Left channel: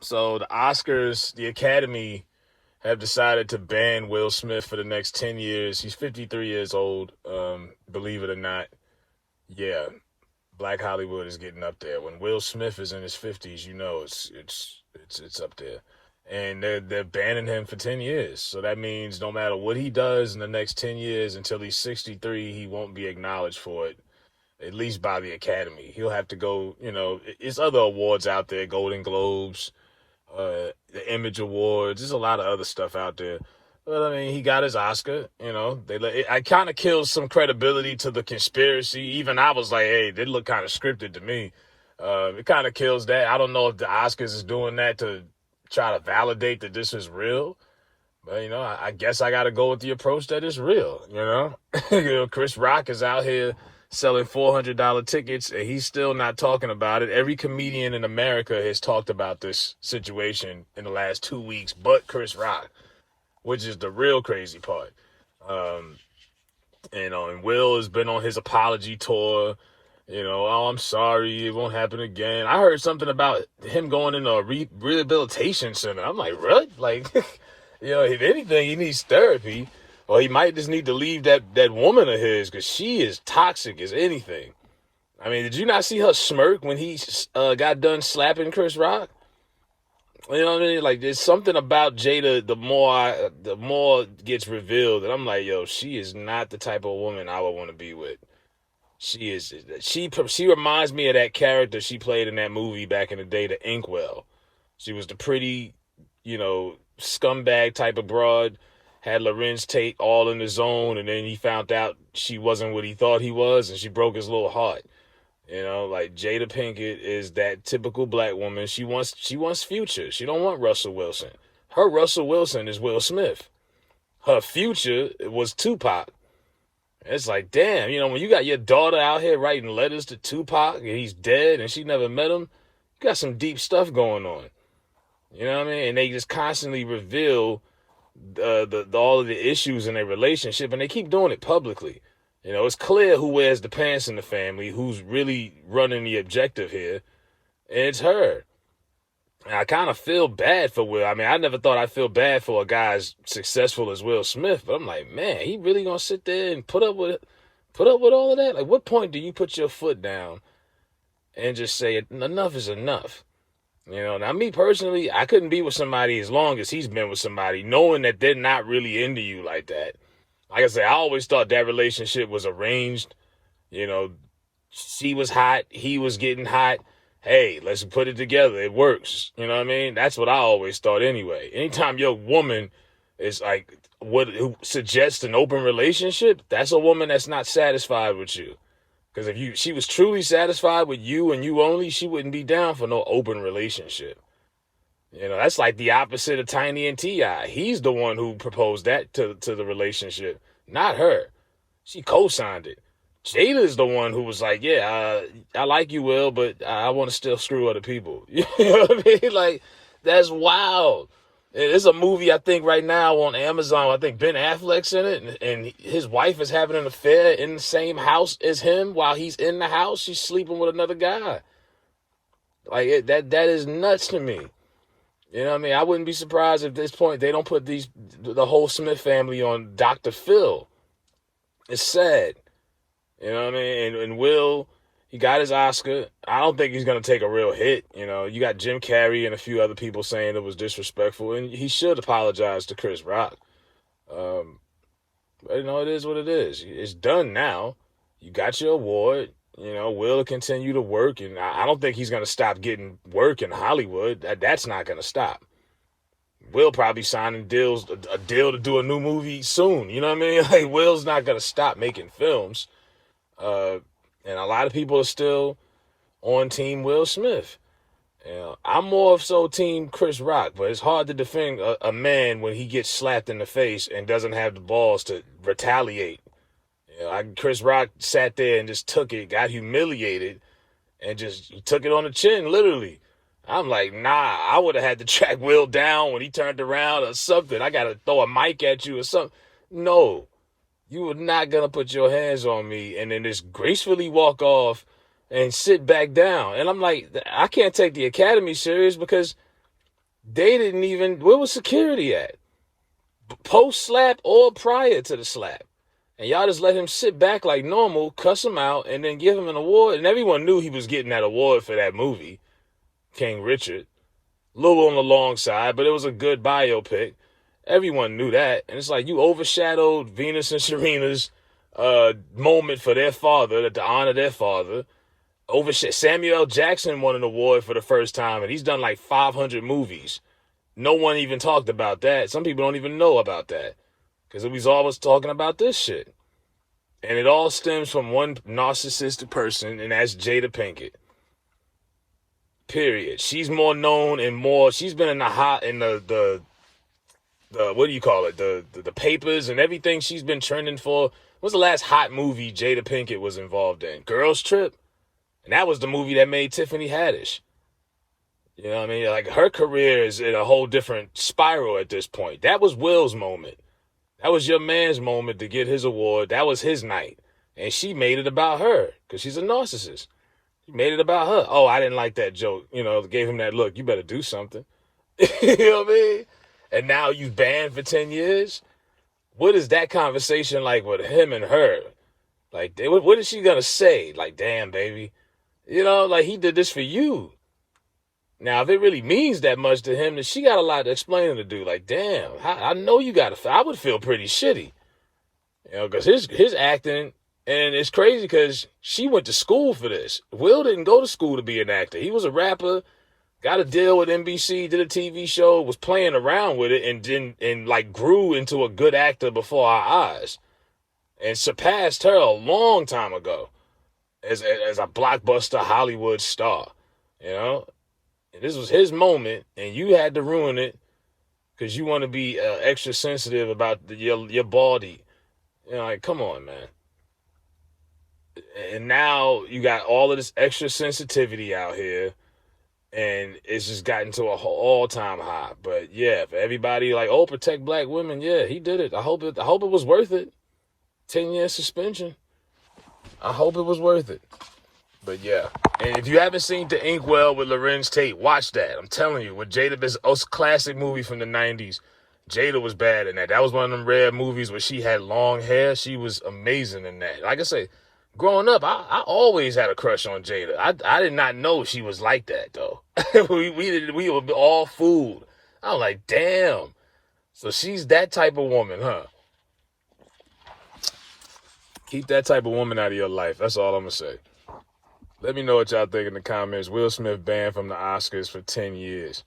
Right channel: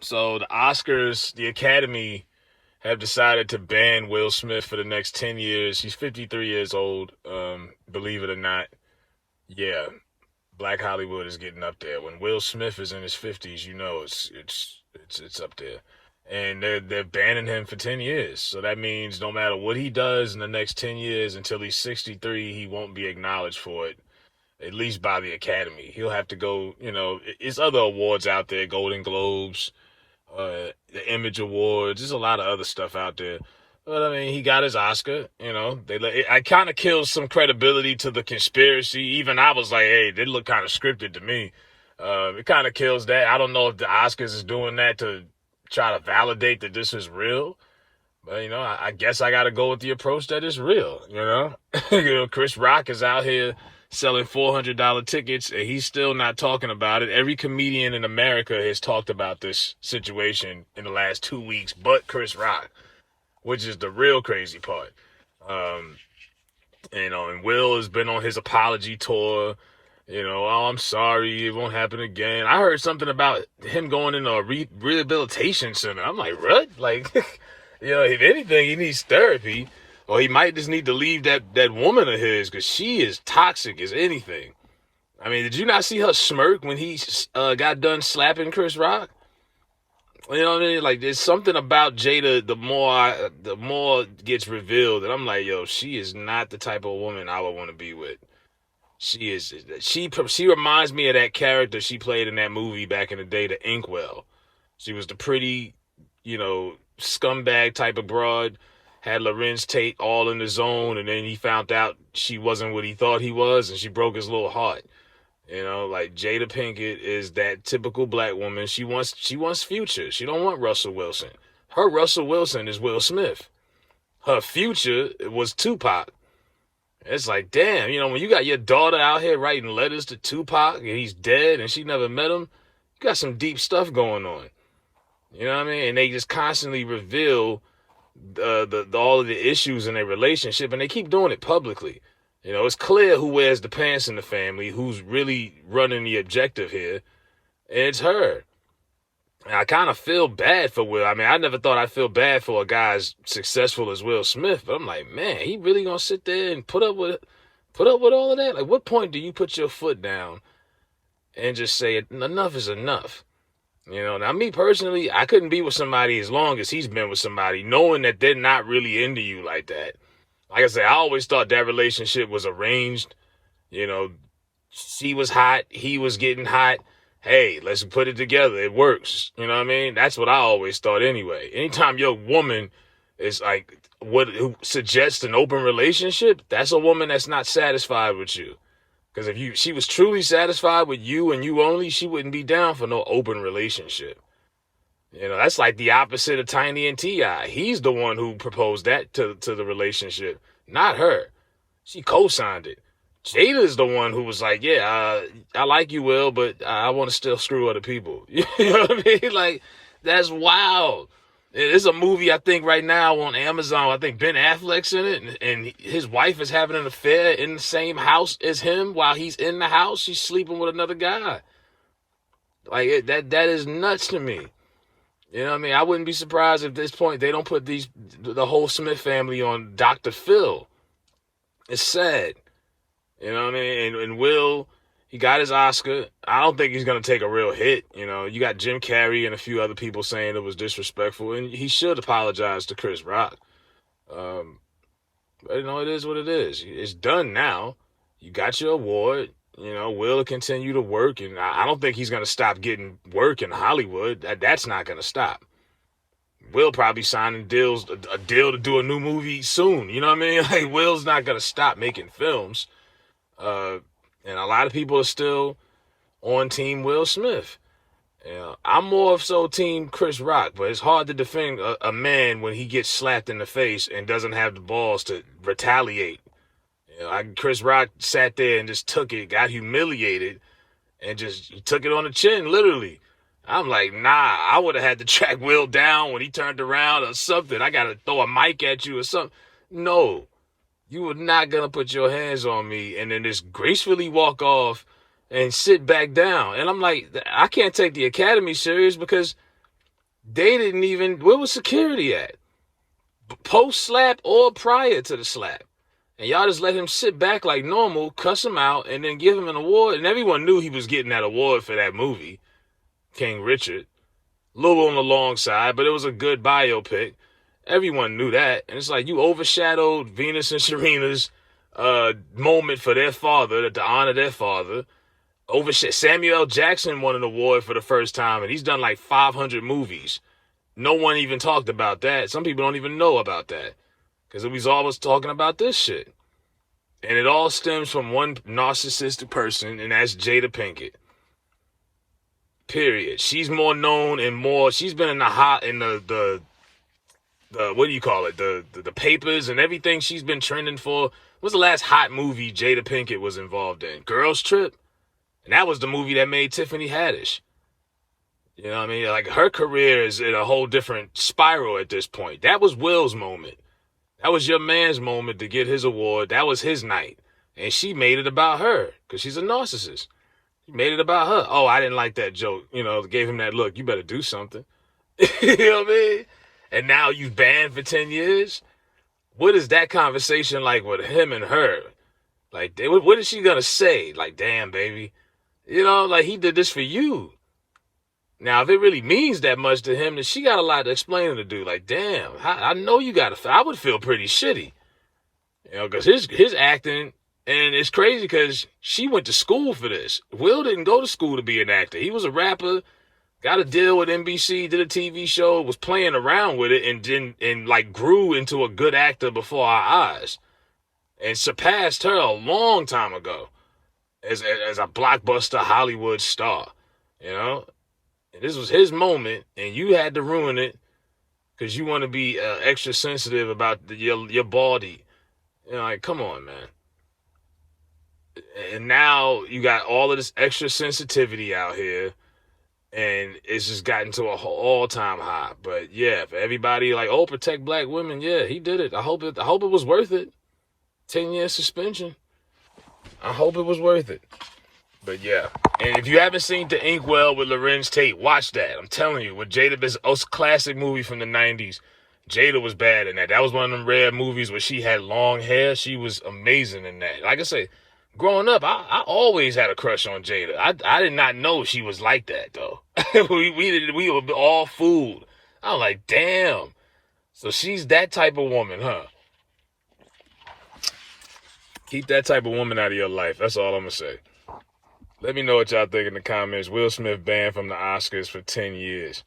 So the Oscars, the Academy have decided to ban Will Smith for the next 10 years. He's 53 years old, believe it or not. Yeah, Black Hollywood is getting up there. When Will Smith is in his 50s, you know it's up there. And they're banning him for 10 years. So that means no matter what he does in the next 10 years until he's 63, he won't be acknowledged for it, at least by the Academy. He'll have to go, it's other awards out there, Golden Globes, the Image Awards. There's a lot of other stuff out there. But I mean, he got his Oscar. I kind of kills some credibility to the conspiracy. Even I was like, hey, they look kind of scripted to me. It kind of kills that. I don't know if the Oscars is doing that to try to validate that this is real. But I guess I got to go with the approach that is real. Chris Rock is out here selling $400 tickets, and he's still not talking about it. Every comedian in America has talked about this situation in the last 2 weeks, but Chris Rock, which is the real crazy part. And Will has been on his apology tour. Oh, I'm sorry, it won't happen again. I heard something about him going into a rehabilitation center. I'm like, what? Like, if anything, he needs therapy. Or he might just need to leave that woman of his, because she is toxic as anything. I mean, did you not see her smirk when he got done slapping Chris Rock? You know what I mean? Like, there's something about Jada, the more it gets revealed, and I'm like, yo, she is not the type of woman I would want to be with. She reminds me of that character she played in that movie back in the day, The Inkwell. She was the pretty, scumbag type of broad, had Lorenz Tate all in the zone, and then he found out she wasn't what he thought he was, and she broke his little heart. Like Jada Pinkett is that typical black woman. She wants Future. She don't want Russell Wilson. Her Russell Wilson is Will Smith. Her Future was Tupac. It's like, damn, when you got your daughter out here writing letters to Tupac and he's dead and she never met him, you got some deep stuff going on. You know what I mean? And they just constantly reveal all of the issues in their relationship, and they keep doing it publicly. It's clear who wears the pants in the family, who's really running the objective here, and it's her. And I kind of feel bad for Will. I mean, I never thought I'd feel bad for a guy as successful as Will Smith, but I'm like, man, he really gonna sit there and put up with all of that? Like, what point do you put your foot down and just say enough is enough? Now me personally, I couldn't be with somebody as long as he's been with somebody, knowing that they're not really into you like that. Like I said, I always thought that relationship was arranged. She was hot, he was getting hot. Hey, let's put it together. It works. You know what I mean? That's what I always thought anyway. Anytime your woman is like who suggests an open relationship, that's a woman that's not satisfied with you. Because if she was truly satisfied with you and you only, she wouldn't be down for no open relationship. That's like the opposite of Tiny and T.I. He's the one who proposed that to the relationship, not her. She co-signed it. Jada's the one who was like, yeah, I like you, Will, but I want to still screw other people. You know what I mean? Like, that's wild. There's a movie, I think, right now on Amazon. I think Ben Affleck's in it, and his wife is having an affair in the same house as him. While he's in the house, she's sleeping with another guy. Like, that is nuts to me. You know what I mean? I wouldn't be surprised if at this point they don't put the whole Smith family on Dr. Phil. It's sad. You know what I mean? And Will, he got his Oscar. I don't think he's going to take a real hit. You got Jim Carrey and a few other people saying it was disrespectful, and he should apologize to Chris Rock. But, it is what it is. It's done now. You got your award. Will continue to work, and I don't think he's going to stop getting work in Hollywood. That's not going to stop. Will probably signing a deal to do a new movie soon. You know what I mean? Like, Will's not going to stop making films. And a lot of people are still on Team Will Smith. I'm more so Team Chris Rock, but it's hard to defend a man when he gets slapped in the face and doesn't have the balls to retaliate. Chris Rock sat there and just took it, got humiliated, and just took it on the chin, literally. I'm like, nah, I would have had to track Will down when he turned around or something. I got to throw a mic at you or something. No, you were not going to put your hands on me and then just gracefully walk off and sit back down. And I'm like, I can't take the Academy serious because They didn't even, where was security at? Post slap or prior to the slap. And y'all just let him sit back like normal, cuss him out, and then give him an award. And everyone knew he was getting that award for that movie, King Richard. A little on the long side, but it was a good biopic. Everyone knew that. And it's like you overshadowed Venus and Serena's moment for their father, to honor their father. Samuel L. Jackson won an award for the first time, and he's done like 500 movies. No one even talked about that. Some people don't even know about that because we was always talking about this shit. And it all stems from one narcissistic person, and that's Jada Pinkett. Period. She's more known and more. She's been in the what do you call it? The papers and everything. She's been trending for. What's the last hot movie Jada Pinkett was involved in? Girls Trip, and that was the movie that made Tiffany Haddish. You know what I mean? Like, her career is in a whole different spiral at this point. That was Will's moment. That was your man's moment to get his award. That was his night. And she made it about her because she's a narcissist. She made it about her. Oh, I didn't like that joke. You know, gave him that look. You better do something. You know what I mean? And now you banned for 10 years? What is that conversation like with him and her? Like, what is she going to say? Like, damn, baby. You know, like, he did this for you. Now, if it really means that much to him, then she got a lot of explaining to do. Like, damn, I know you got to. I would feel pretty shitty, you know, because his acting, and it's crazy because she went to school for this. Will didn't go to school to be an actor. He was a rapper, got a deal with NBC, did a TV show, was playing around with it, and like grew into a good actor before our eyes, and surpassed her a long time ago as a blockbuster Hollywood star, you know. This was his moment, and you had to ruin it because you want to be extra sensitive about your body. You know, like, come on, man. And now you got all of this extra sensitivity out here, and it's just gotten to a all-time high. But yeah, for everybody like, oh, protect black women, yeah, he did it. I hope it was worth it. 10-year suspension. I hope it was worth it. But yeah, and if you haven't seen The Inkwell with Lorenz Tate, watch that. I'm telling you, with Jada, this classic movie from the 90s, Jada was bad in that. That was one of them rare movies where she had long hair. She was amazing in that. Like I say, growing up, I always had a crush on Jada. I did not know she was like that, though. we were all fooled. I was like, damn. So she's that type of woman, huh? Keep that type of woman out of your life. That's all I'm going to say. Let me know what y'all think in the comments. Will Smith banned from the Oscars for 10 years.